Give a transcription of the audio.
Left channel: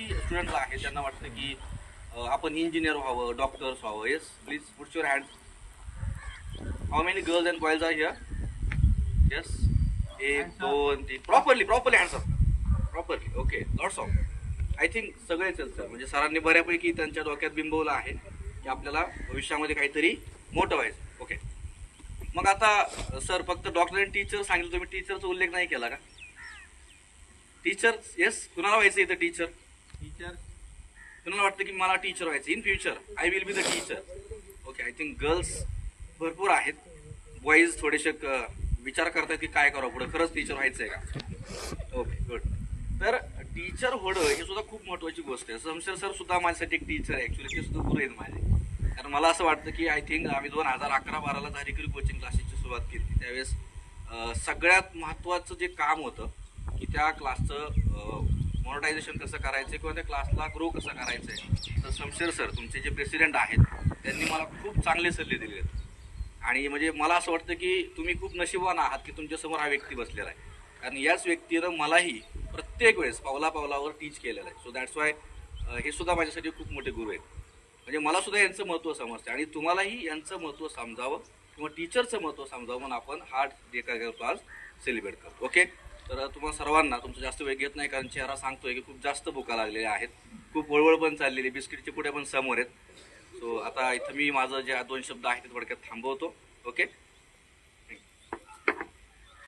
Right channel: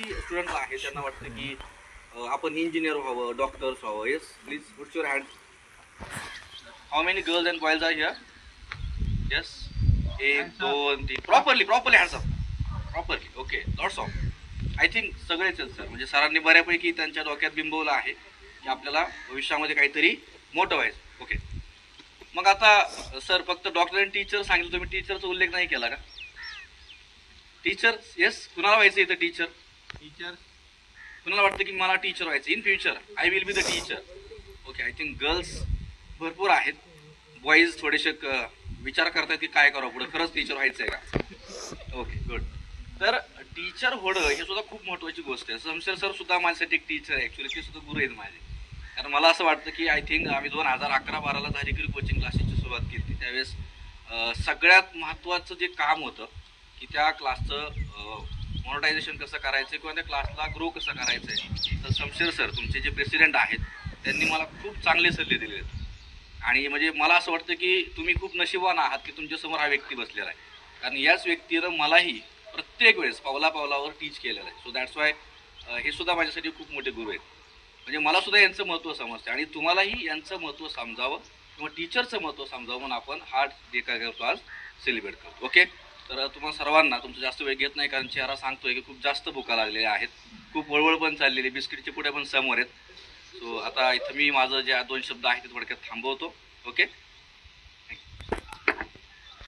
किती स्टुडंट आहे त्यांना वाटतं की आपण इंजिनियर व्हावं, डॉक्टर्स व्हावं? Yes please put your hand. How many girls and boys are here? Yes, 1 2 3. Properly hands up, properly. Okay, lots of. I think सगळेच आहेत सर, म्हणजे सरांनी बऱ्यापैकी त्यांच्या डोक्यात बिंबवलं आहे की आपल्याला भविष्यामध्ये काहीतरी मोठं व्हायचं. ओके, मग आता सर फक्त डॉक्टर आणि टीचर सांगितलं, तुम्ही टीचरचा उल्लेख नाही केला का? टीचर, येस, कुणाला व्हायचं इथं टीचर? टीचर. कुणाला वाटतं की मला टीचर व्हायचं in future? I will be the teacher. Okay, I think girls भरपूर आहेत, बॉईज थोडेसे विचार करतात की काय करावं पुढे, खरंच टीचर व्हायचं आहे का? Okay, good. तर टीचर होणं हे सुद्धा खूप महत्त्वाची गोष्ट आहे. समशेर सर सुद्धा माझ्यासाठी एक टीचर आहे, ॲक्च्युली ते सुद्धा गुरु आहेत माझे. कारण मला असं वाटतं की आय थिंक आम्ही 2011-12ला धारिकरी कोचिंग क्लासेसची सुरुवात केली. त्यावेळेस सगळ्यात महत्त्वाचं जे काम होतं की त्या क्लासचं मॉनिटायझेशन कसं करायचं किंवा त्या क्लासला ग्रो कसं करायचं आहे. तर शमशेर सर, तुमचे जे प्रेसिडेंट आहेत, त्यांनी मला खूप चांगले सल्ले दिले आहेत. आणि म्हणजे मला असं वाटतं की तुम्ही खूप नशिबवान आहात की तुमच्यासमोर हा व्यक्ती बसलेला आहे. कारण याच व्यक्तीनं मलाही प्रत्येक वेळेस पावलापावलावर टीच केलेलं आहे. सो दॅट्स वाय हे सुद्धा माझ्यासाठी खूप मोठे गुरु आहेत. म्हणजे मला सुद्धा यांचं महत्त्व समजतं आणि तुम्हालाही यांचं महत्त्व समजावं किंवा टीचरचं महत्त्व समजावं म्हणून आपण हा डे काय करतो आज सेलिब्रेट करतो. ओके, तर तुम्हाला सर्वांना तुमचं जास्त वेळ घेत नाही कारण चेहरा सांगतोय की खूप जास्त भुका लागलेल्या आहेत, खूप वळवळ पण चाललेली, बिस्किटचे पुढे पण समोर आहेत. सो आता इथं मी माझं जे 2 शब्द आहेत ते थोडक्यात थांबवतो. ओके.